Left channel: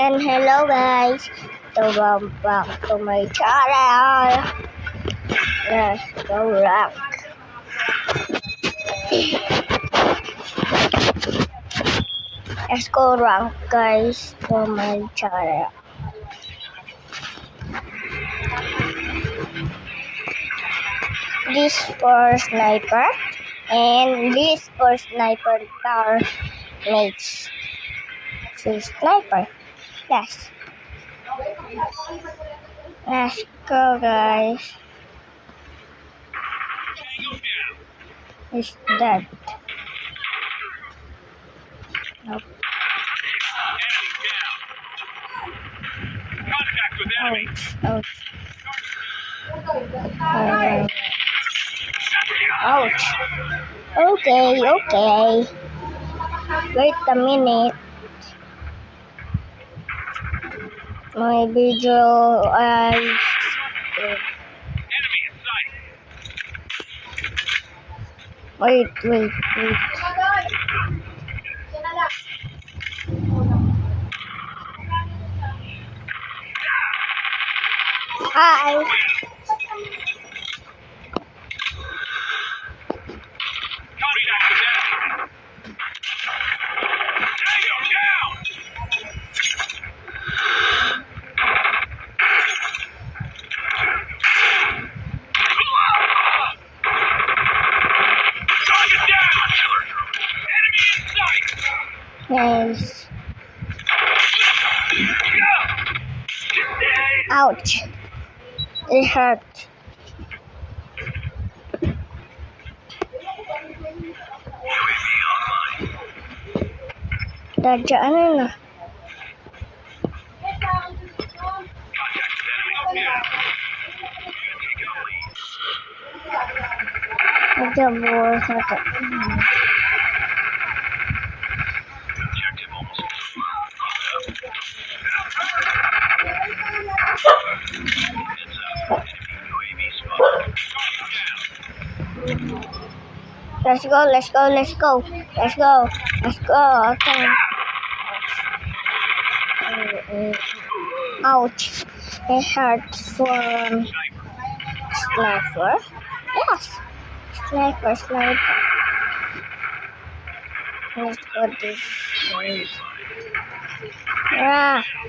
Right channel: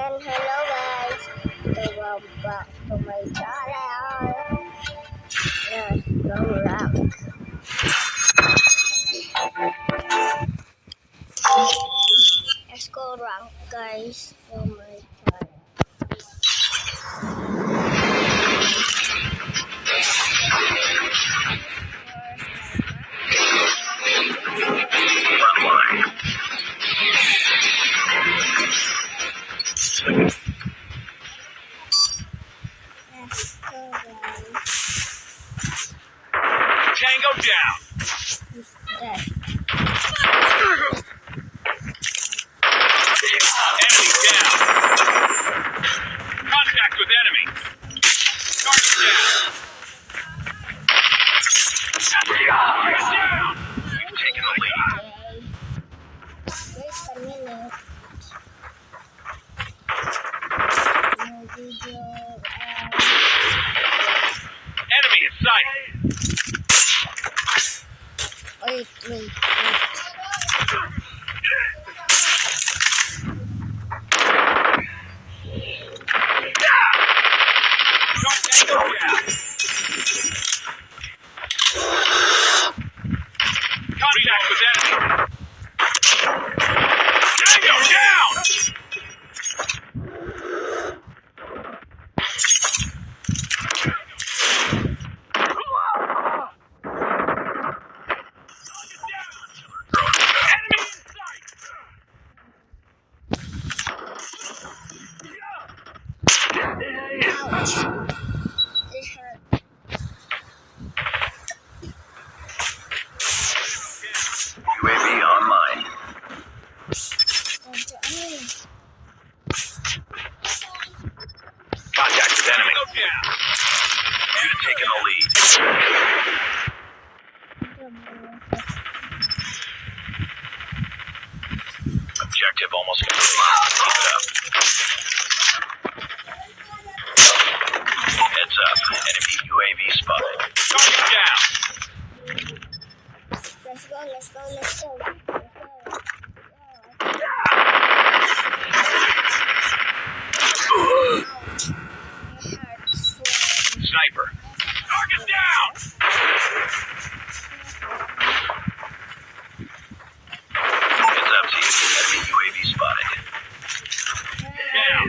And hello guys, welcome back to my channel. Let's go rank. Let's go rank guys to my channel. This for sniper and this for sniper power legs. This sniper. Yes. Let's go guys. Tango down. It's dead. Enemy down. Contact with enemy. Oh, Target down. ouch. Okay. Wait a minute. My video Enemy in sight. wait. Hi. Contact with enemy. Tango down. Target down. Enemy in sight. Nice. Ouch. It hurt. UAV online. Dadaan na. Contact with enemy. You've taken the lead. Nagabor sa to. Objective almost complete. Keep it up. Heads up. Enemy UAV spotted. Target down. Let's go. Okay. Ouch. It hurts for Sniper. sniper. Yeah. Sniper. Enemy UAV spotted. Yeah. Down.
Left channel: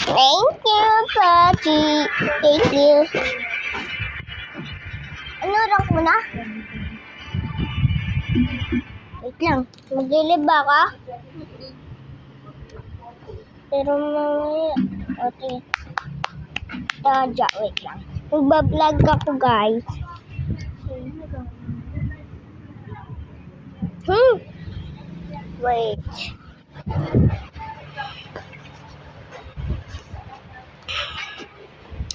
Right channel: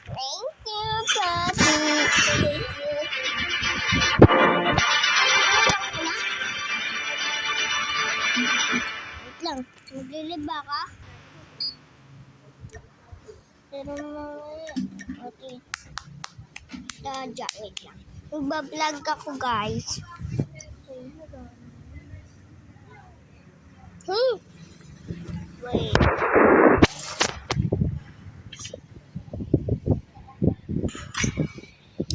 Thank you, Papi. Thank you. Ano lang muna? Wait lang. Magliliba ka? Pero mamaya. Okay. Wait lang. Magbablog ako, guys. Wait.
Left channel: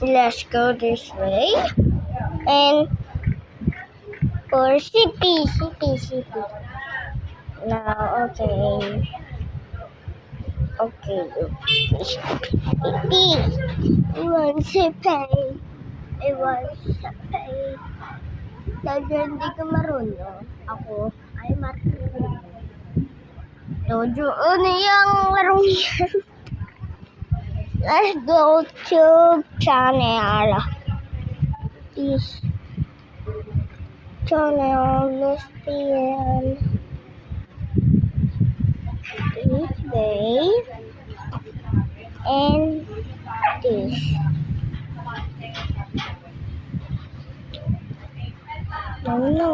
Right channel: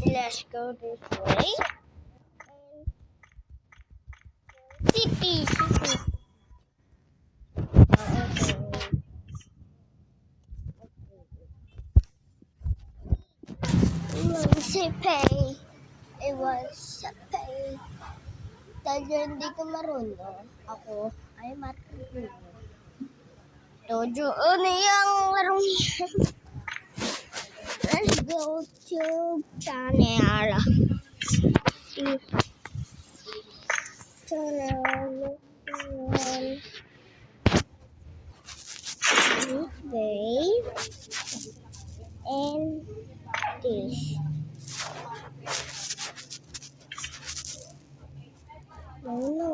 Let's go this way. And for city. Now, okay. City. It was a pay. Dahil hindi ka marunong, ako ay marunong. Dojo, ano yung larong yan? Let's go to channel. Channel, let's this way and this. No,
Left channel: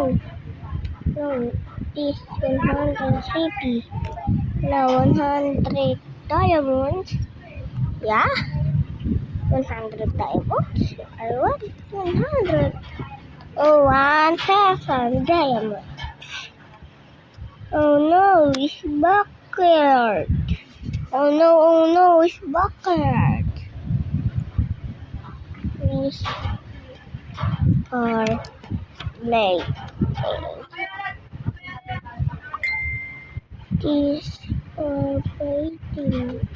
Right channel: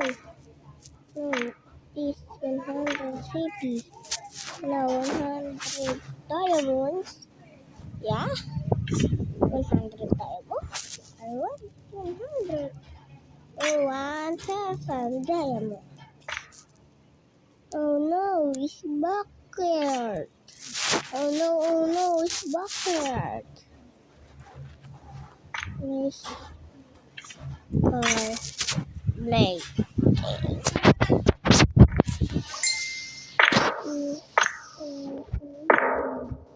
this 150. No, 100 diamonds. Yeah, 100 diamonds. I want 100. Oh, 1,000 diamonds. Oh no, it's backward. Oh no, it's backward. These are late. These are waiting.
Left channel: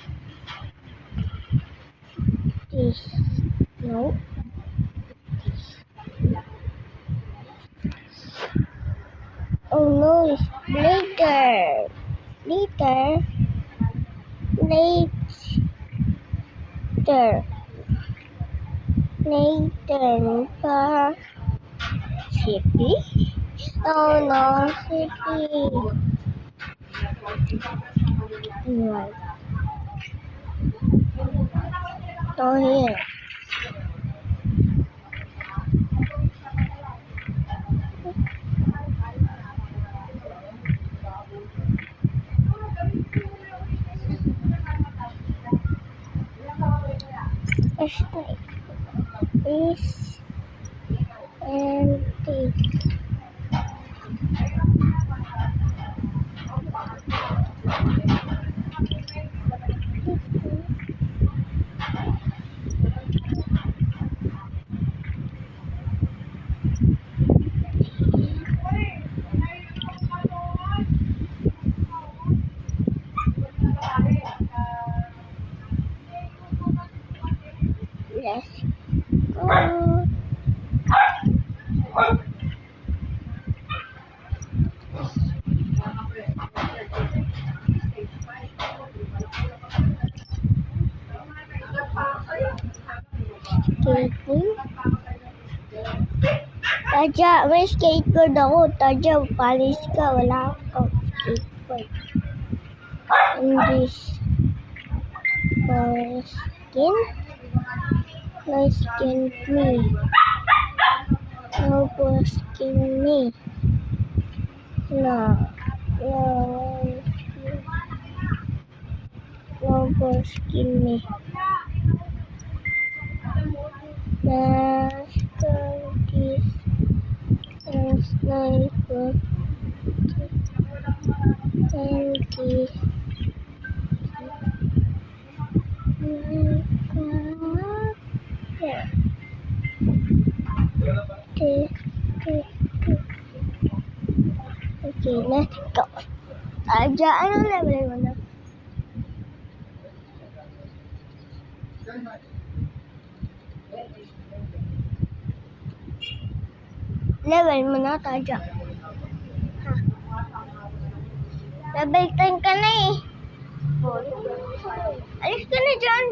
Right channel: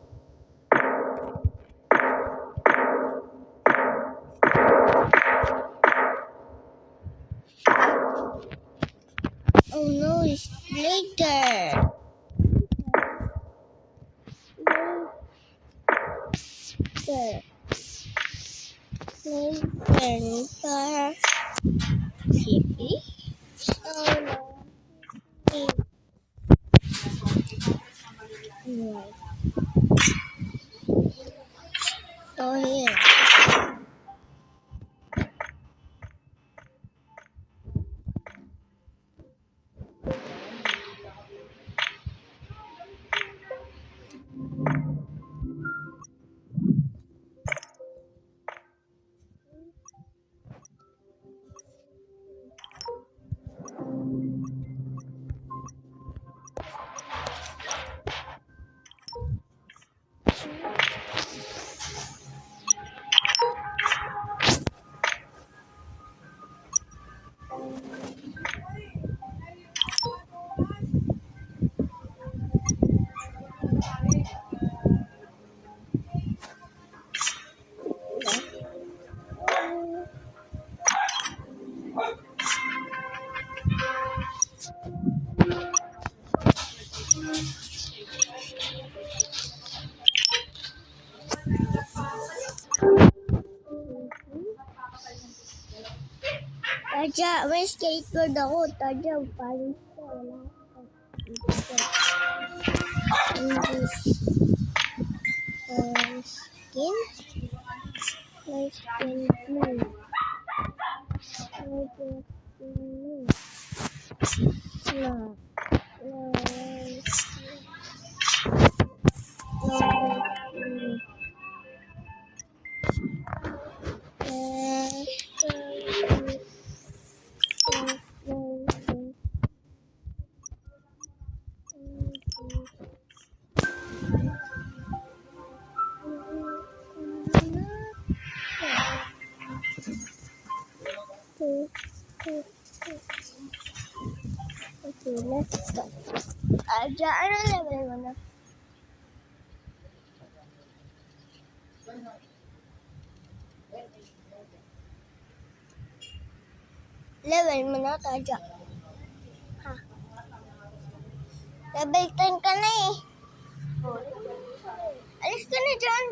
Oh no, it's later. Late later. Later for city. Oh no, city. Right. Oh here. Is empty. Oh, skating. Tadya, may skateboard ako. Tadya, palis ka. Wala akong skateboard. And this skin. No skin me. No skin me. No. No skin. No skin me. Okay, let's go. Aja, ano level mo na? Level mo na, Taja. Ha? Level 10 ka na eh. Alis ka na dyan.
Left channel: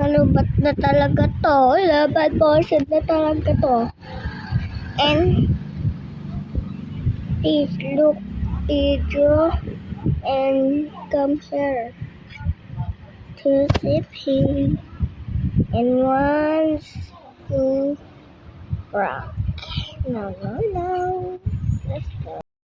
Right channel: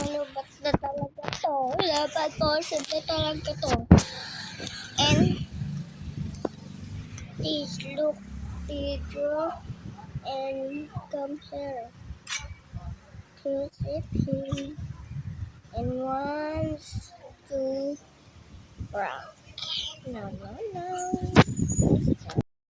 Malubat na talaga to. Level 4 na talaga to. And please look video and come here to CP. And 1, 2, rock. No. Let's go.